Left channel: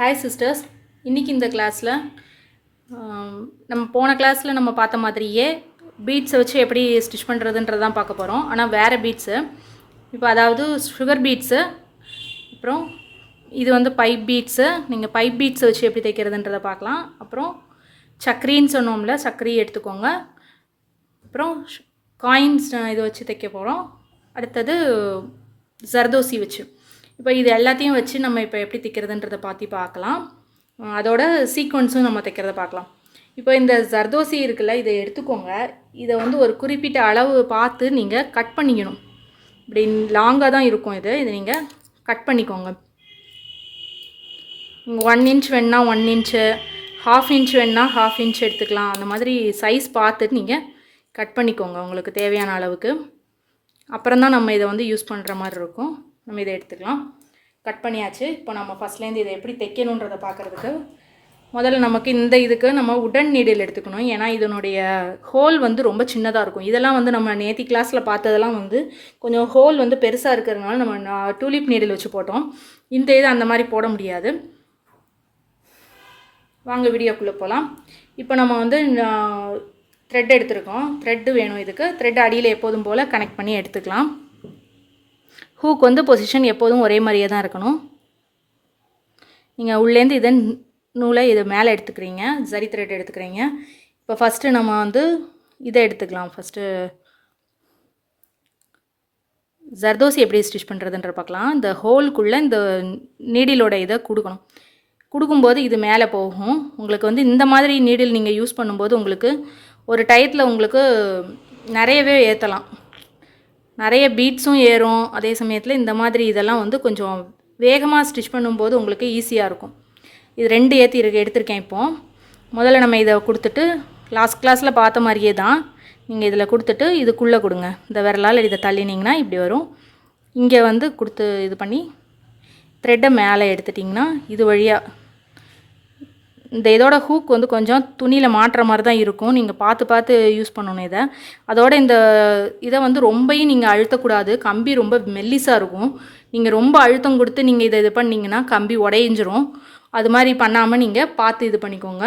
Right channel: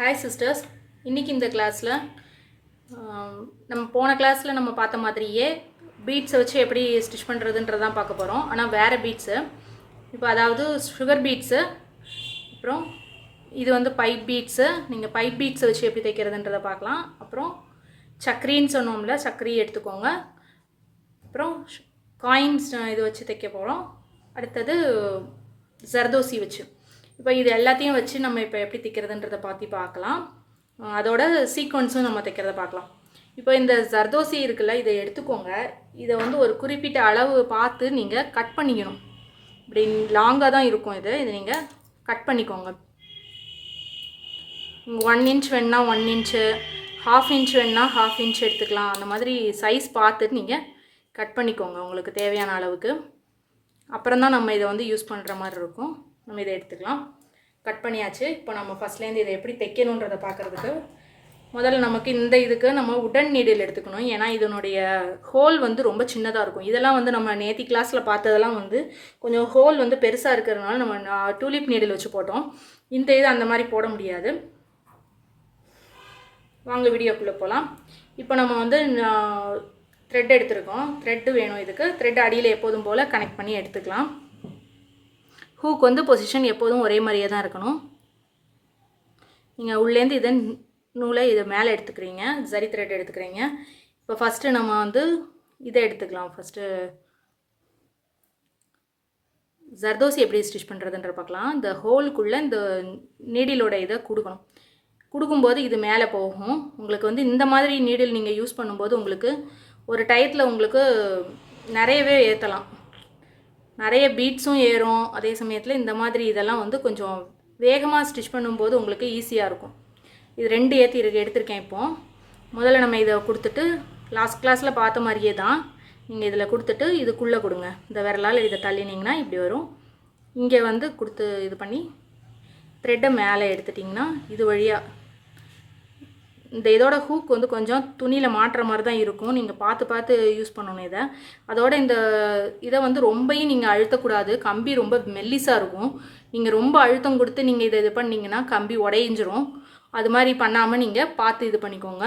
Hi sisters, இன்றைக்கி இந்த கிளாஸில் நம்ம போன கிளாஸில் நம்ம பார்த்த மாதிரியே பீட்ஸை வச்சு எப்படி ஸ்டிச் பண்ணுறதுன்றது தான் பார்க்க போகிறோம். ஆனால் வேறு பீட்ஸு, இப்போ அதாவது சுகர் பீட்ஸு, அப்புறம் இது வந்து பைப் பீட்ஸு. நீங்கள் பைப் பீட்ஸை வச்சு எப்படி தைக்கிறதுன்றதை பார்க்கலாம். அப்புறம் சக்கரின்னு சொன்னோம்ல, சக்கரி எடுத்துக்கோங்க. அப்புறம் காயின்ஸ் இதை வச்சு தைக்க போகிறோம். அடுத்தது ஜர்தோசி வச்சு. இப்போ இது எல்லாத்தையும் வச்சு நம்ம இப்போ எப்படி தைக்கிறதுன்றதை பார்க்கலாம். அதோட சீக்வன்ஸும் நம்ம தைக்கிறத பார்க்கலாம். இப்போ இந்த ஜர்தோசி இருக்குல்ல, இதை எடுத்துக்கோங்க. இதை வந்து ஒரு குறிப்பிட்ட அளவு பார்த்து நீங்கள் கட் பண்ணிக்கணும். இப்படி லாங்காக தான் இருக்கும். இதை நீங்கள் கட் பண்ணிக்கோங்க. நீங்கள் 1 இன்ச் வேணுன்னா 1 இன்ச்சு, 1/2 இன்ச் வேணுன்னா 1/2 இன்ச் எடுத்துக்கலாம். அந்த மாதிரி சைஸ் பார்த்துட்டு நீங்கள் கட் பண்ணிக்கோங்க உங்களுக்கு தேவையான அளவுக்கு. அப்புறம் தான் நம்ம இதை வந்து யூஸ் பண்ணுற மாதிரி இருக்கும். நம்ம இதை எடுத்துக்கலாம். கட் பண்ணியாச்சு. இப்போ நம்ம ஃபஸ்ட்லேருந்து இதை எப்படி தைக்கணுன்றதை பார்க்குறதுக்கு முதல்ல நமக்கு இந்த இதுக்கு நம்ம உடன் நீடில் எடுத்துக்கணும். ஏன்னா இதனுடைய ஹோல் வந்து ரொம்ப சின்னதாக இருக்கும். இதெல்லாம் வந்து நம்ம நேத்தி கிளாஸில் பார்த்ததெல்லாம் வந்து கொஞ்சம் ஹோல் வந்து பெருசாக இருக்கிறதுனால நம்ம டூலிப் நீடில் வச்சு போட்டோம். இந்த இது அந்த மாதிரி போட முடியாது. வாங்க வீடியோக்குள்ளே போகலாம். இப்போ நம்ம வந்து த்ரெட் எடுத்துருக்கோம். த்ரெட்டு வேணும். இதுக்கு த்ரெட் அடியில் எப்போதும் போல் கனெக்ட் பண்ணி எடுத்துக்கலாம். ஹூக் வந்து பொசிஷன் எப்போதும் ஒரே மாதிரியே தான் இருக்கணும். நீங்கள் உள்ளேருந்து இதன் நூலை இது மேலே எடுத்துக்கிறீங்க, ஜரி த்ரெட் எடுத்துக்கிறீங்க. இப்போ ஃபஸ்ட்டு நம்ம வந்து இதை எடுத்துக்கலாம். ஃபஸ்ட்டு ஜர்தோசி எப்படி ஸ்டிச் பண்ணுறதுன்ற பார்க்கலாம். இந்த ஹோல்குள்ளே இந்த நீடிலோட இதை கொடுக்கும்போது இது மேலே போகும். உங்களுக்கு வந்து இந்த மாதிரி நீடில் நீங்கள் யூஸ் பண்ணும்போது உங்களுக்கு ஒரு டயத்தில் உங்களுக்கு நிறையவே ஏற்றலாம். நிறைய பீட்ஸும் ஏறும். அதே சமயத்தில் இந்த மாதிரி இதெல்லாம் வந்து கொஞ்சம் வேகமாக ஸ்டிச் பண்ணும்போது உங்களுக்கு ஈஸியாக இருக்கும். இது 2 எடுத்திருக்கேன். இப்போது முதல்ல நம்ம இதை கொடுத்துட்டு லாஸ்ட் கிளாஸில் பார்த்த மாதிரியே தான் நீங்கள் இதில் கொடுத்துட்டு இதுக்குள்ளே கொடுங்க. இந்த விரலால் இதை தள்ளினீங்கன்னா இப்படி வரும். இங்கே வந்து கொடுத்து இது பண்ணி த்ரெட்டை மேலே எடுத்துட்டிங்கன்னா இது வழியாக இந்த இதோட ஹூக் வந்து கொஞ்சம் துணியில் மாட்டுற மாதிரி தான் இருக்கும். நீங்கள் பார்த்து யூஸ் பண்ணணும் இதை. அதோட இந்த இதை வந்து ரொம்பவும் நீங்கள் அழுத்தக்கூடாது. கம்பி ரொம்ப மெல்லிஸாக இருக்கும். நீங்கள் ரொம்ப அழுத்தம் கொடுத்து நீங்கள் இதை இது பண்ணிங்கன்னா கம்பி உடைஞ்சிரும். அது மாதிரி பண்ணாமல் நீங்கள் பார்த்து இது பண்ணிக்கோங்க.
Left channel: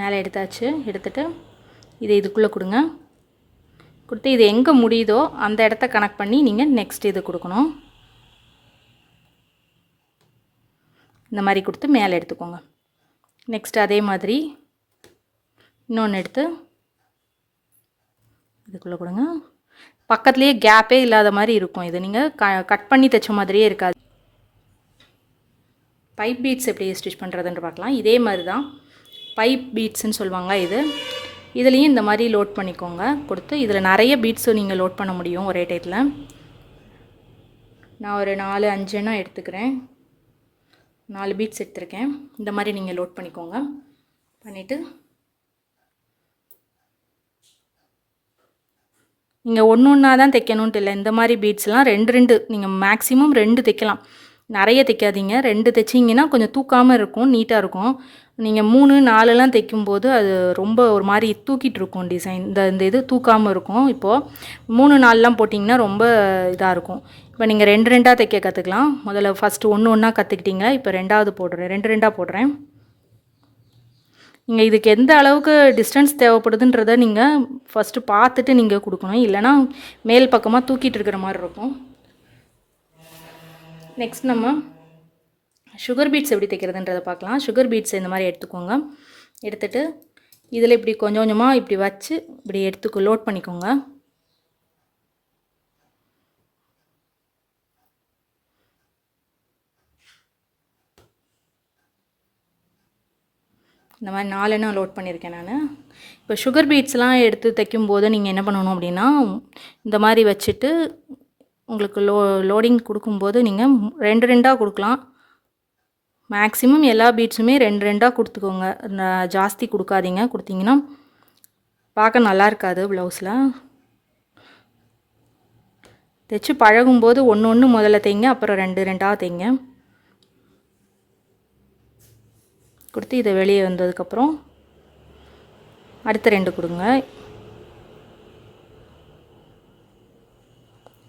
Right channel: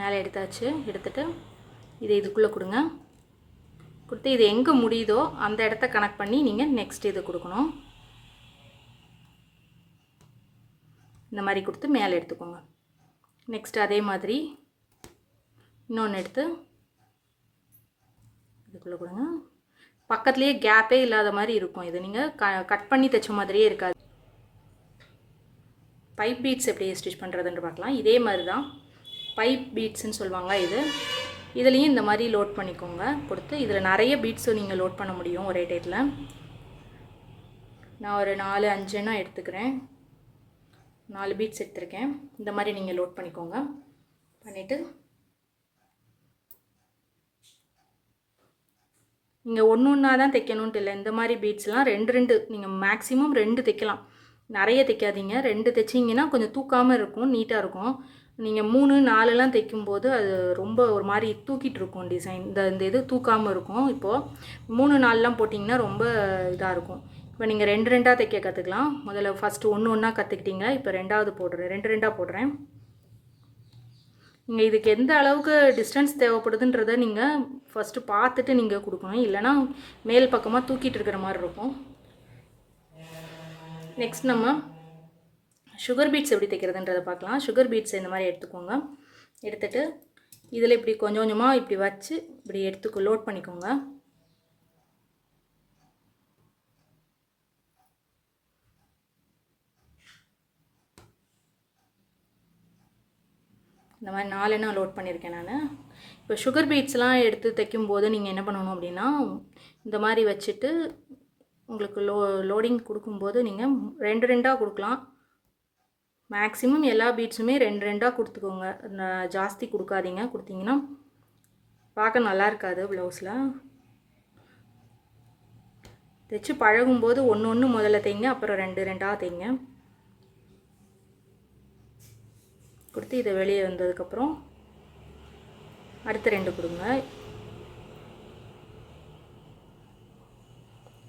மேலே எடுத்தாச்சு. எடுத்துகிட்டு இதை இதுக்குள்ளே கொடுங்க. கொடுத்து இது எங்கே முடியுதோ அந்த இடத்த கனெக்ட் பண்ணி நீங்கள் நெக்ஸ்ட் இது கொடுக்கணும். இந்த மாதிரி கொடுத்து மேலே எடுத்துக்கோங்க. நெக்ஸ்ட் அதே மாதிரி இன்னொன்று எடுத்து இதுக்குள்ளே கொடுங்க. பக்கத்துலேயே கேப்பே இல்லாத மாதிரி இருக்கும். இது நீங்கள் கட் பண்ணி தைச்ச மாதிரியே இருக்காது. பைப் பீட்ஸ் எப்படி ஸ்டிச் பண்ணுறதுன்னு பார்க்கலாம். இதே மாதிரி தான் பைப் பீட்ஸ்ன்னு சொல்லுவாங்க. இதுலேயும் இந்த மாதிரி லோட் பண்ணிக்கோங்க. கொடுத்து இதில் நிறைய பீட்ஸும் நீங்கள் லோட் பண்ண முடியும் ஒரே டைத்தில். நான் ஒரு 4-5 எடுத்துக்கிறேன். 4 பீட்ஸ் எடுத்துருக்கேன். இந்த மாதிரி நீங்கள் லோட் பண்ணிக்கோங்க. பண்ணிவிட்டு நீங்கள் ஒன்றா தான் தைக்கணுன்ட்டு இல்லை. இந்த மாதிரி பீட்ஸ்லாம் 2 நீங்கள் மேக்ஸிமம் 2 தைக்கலாம். நிறைய தைக்காதீங்க. 2 தைச்சிங்கன்னா கொஞ்சம் தூக்காமல் இருக்கும், நீட்டாக இருக்கும். நீங்கள் 3-4 தைக்கும்போது அது ரொம்ப ஒரு மாதிரி தூக்கிட்டு இருக்கும் டிசைன். இந்த இது தூக்காமல் இருக்கும். இப்போது 3-4 போட்டிங்கன்னா ரொம்ப இதாக இருக்கும். இப்போ நீங்கள் 2 தைக்க கற்றுக்கலாம். முதல்ல ஃபஸ்ட்டு ஒன்றா கற்றுக்கிட்டீங்க. இப்போ 2வது போடுறேன். 2 போடுறேன். நீங்கள் இதுக்கு எந்த அளவுக்கு டிஸ்டன்ஸ் தேவைப்படுதுன்றதை நீங்கள் ஃபஸ்ட்டு பார்த்துட்டு நீங்கள் கொடுக்கணும். இல்லைனா மேல் பக்கமாக தூக்கிட்டு இருக்கிற மாதிரி இருக்கும். நெக்ஸ்ட் நம்ம சுகர் பீட்ஸ் எப்படி தைக்கிறதுன்றதை பார்க்கலாம். சுகர் பீட்ஸ் இந்த மாதிரி எடுத்துக்கோங்க. எடுத்துகிட்டு இதில் இப்படி கொஞ்சம் கொஞ்சமாக இப்படி வச்சு இப்படி லோட் பண்ணிக்கோங்க. இந்த மாதிரி 4 லோட் பண்ணியிருக்கேன் நான். இப்போ சுகர் பீட்ஸ்லாம் எடுத்து தைக்கும்போது நீங்கள் என்ன பண்ணணும் அப்படின்னா, இந்த மாதிரி வச்சுட்டு உங்களுக்கு லோடிங் கொடுக்கும்போது நீங்கள் 2 கொடுக்கலாம். மேக்ஸிமம் எல்லா பீட்ஸுமே 2 கொடுத்துக்கோங்க. ஜாஸ்தி கொடுக்காதீங்க. கொடுத்தீங்கன்னா பார்க்க நல்லா இருக்காது ப்ளவுஸில். தைச்சு பழகும்போது ஒன்று முதல்ல தைங்க, அப்புறம் 2 தைங்க. கொடுத்து இதை வெளியே வந்ததுக்கப்புறம் அடுத்த 2 கொடுங்க.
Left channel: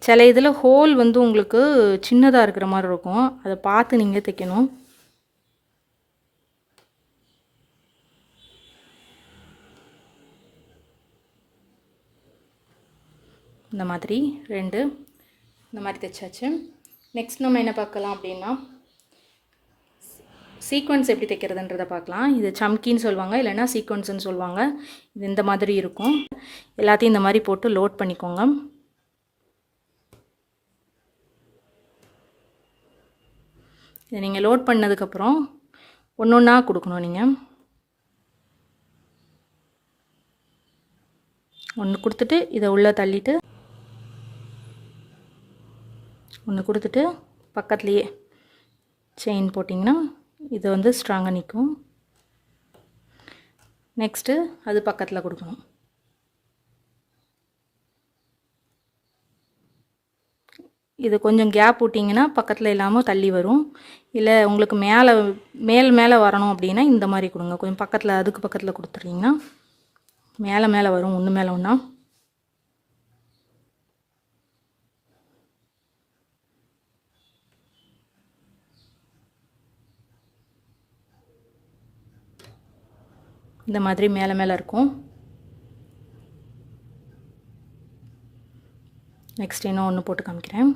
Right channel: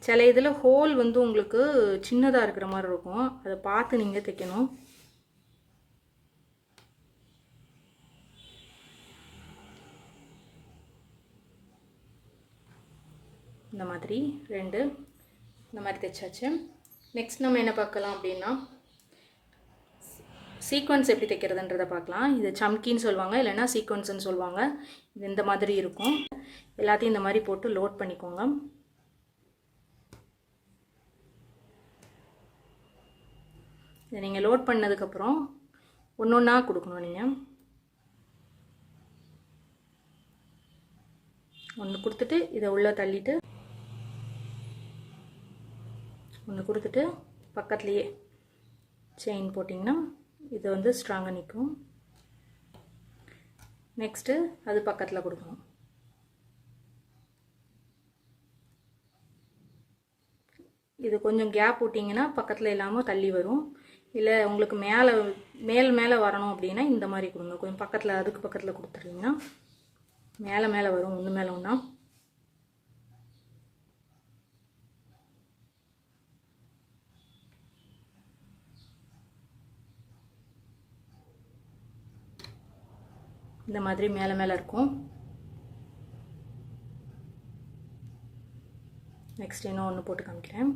சில இதில் ஹோல் வந்து உங்களுக்கு சின்னதாக இருக்கிற மாதிரி இருக்கும், அதை பார்த்து நீங்கள் தைக்கணும். இந்த மாதிரி 2 இந்த மாதிரி தைச்சாச்சு. நெக்ஸ்ட் நம்ம என்ன பார்க்கலாம் அப்படின்னா சீக்வன்ஸ் எப்படி தைக்கிறதுன்றதை பார்க்கலாம். இது சம்கின்னு சொல்லுவாங்க, இல்லைன்னா சீக்வன்ஸ்ன்னு சொல்லுவாங்க. இது இந்த மாதிரி இருக்கும். எல்லாத்தையும் இந்த மாதிரி போட்டு லோட் பண்ணிக்கோங்க. இதை நீங்கள் லோட் பண்ணதுக்கப்புறம் ஒன்று ஒன்றா கொடுக்கணும். நீங்கள் ஒன்று கொடுத்துட்டு இதை உள்ளே தள்ளிட்டு ஒன்று கொடுத்துட்டு பக்கத்துலேயே செயின் போட்டிங்கன்னா இது வந்து ஸ்ட்ராங்காக நிற்கும். நெக்ஸ்ட்டு அது பக்கத்தில் கொடுக்கணும். இது கொஞ்சம் கேப் விட்டிங்கன்னா பக்கத்தில் இல்லாமல் தள்ளி வரும். இல்லை உங்களுக்கு மேலே வரணும் அப்படின்னா இந்த மாதிரி கொடுங்க. கொஞ்சம் பக்கத்தில் அதுக்கு பக்கத்தில் கொடுத்துட்டிங்கன்னா மேலே வரும், ஒன்று மேலே ஒன்றா. இந்த மாதிரி மேலே இருக்கும். நெக்ஸ்ட் இன்னும் ஒன்று போட்டு காமிக்கிறேன்.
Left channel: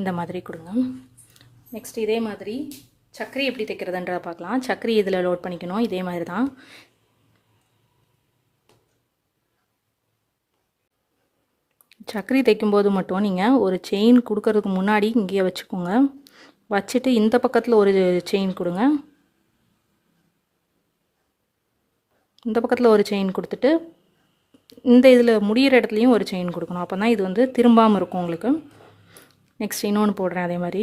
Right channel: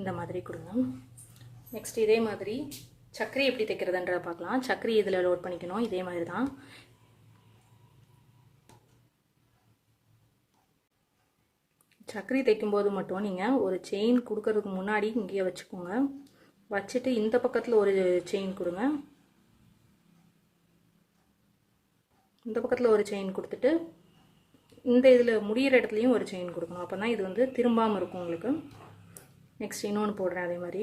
இந்த மாதிரி கொடுங்க. நெக்ஸ்ட் இதே மாதிரி சக்கரி எப்படி தைக்கிறதுன்றதை பார்க்கலாம். சக்கரி இதில் லோட் பண்ணிக்கணும். இதே மாதிரி தான். சக்கரி தைக்கும்போது மட்டும் நீங்கள் ஒரு செயின் கொடுக்கறதுக்கு முன்னாடி இங்கேயே வச்சுக்கோங்க. வச்சுட்டு இந்த பக்கத்தில் ஒரு செயின் கொடுங்க, இந்த பக்கத்தில் ஒரு செயின் கொடுத்துட்டு இந்த இதில் முடிகிற இடத்துலையும் ஒரு செயின் கொடுக்கணும். அப்போ தான் இது வந்து திரும்பாமல் இருக்கும் உங்களுக்கு. நெக்ஸ்ட் இன்னொன்று போடுறேன். அதே மாதிரி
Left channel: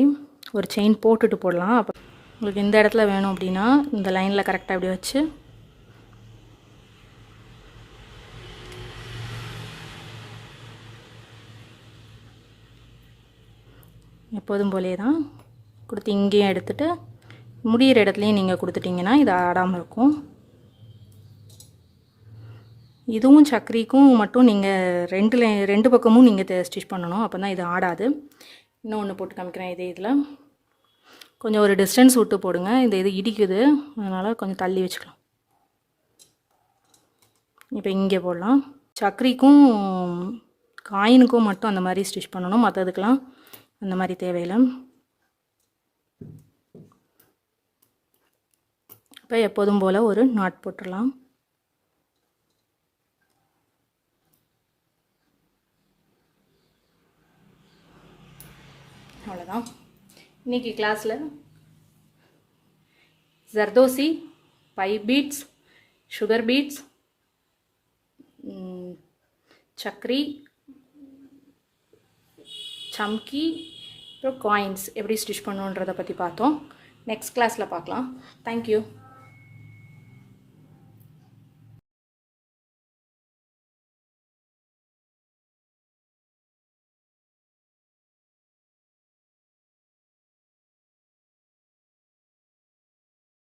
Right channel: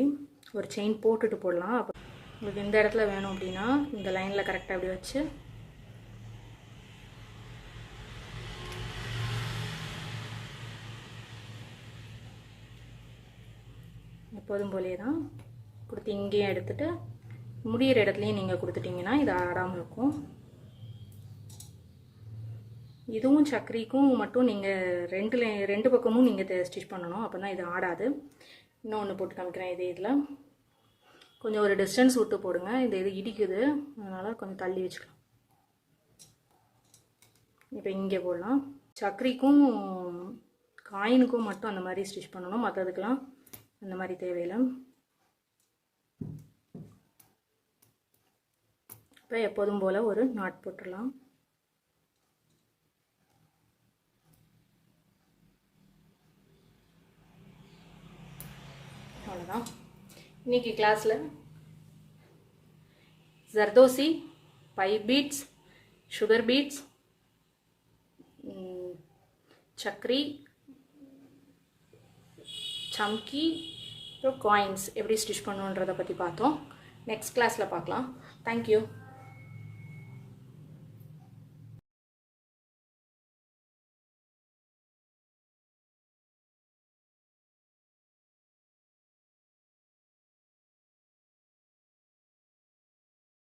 ஒரு செயின் போட்டுட்டு போடலாம். அப்போ உங்களுக்கு இந்த இடத்துல வேணும் அப்படின்னா இந்த லைனில் கரெக்டாக இப்படி வச்சு எப்போதும் போலே தான் கொடுத்து இங்கேயும் எடுத்துகிட்டு முடிகிற இடத்துலையும் நீங்கள் கொடுத்துட்டிங்கன்னா இது ஆடாமல் இருக்கும். இதுவும் சக்கரிக்கும் மட்டும் நீங்கள் ரெண்டு பக்கமும் நீங்கள் ஸ்டிச் பண்ணணும். அப்போ தான் இது ஆடாது. இன்னொன்று போட்டு காமிக்கிறேன். இதில் கொஞ்சம் ஒரு டிஸ்டன்ஸ் விட்டு போடுங்க. இது இடிக்குது, அதனால் கொஞ்சம் தள்ளி வச்சுக்கலாம். இப்போ இங்கே போடலாம். சக்கரிக்கும் காயினுக்கும் மட்டும் அந்த மாதிரி ஸ்டிச் பண்ணணும், மற்றதுக்கெலாம் அந்த மாதிரி தேவையில்லை. இப்போ எப்போதும் போல் ஒரு நாட் போட்டுடலாம். அவ்வளோதான். இன்றைக்கி கிளாஸில் ஜர்தோசி, பை பீட்ஸ், சுகர் பீட்ஸ், சக்கரி, சம்கி, அப்புறம் காயின்ஸ் எப்படி ஸ்டிச் பண்ணுன்றதை பற்றி பார்த்தோம். நெக்ஸ்ட் கிளாஸில் பார்க்கலாம். தேங்க்யூ.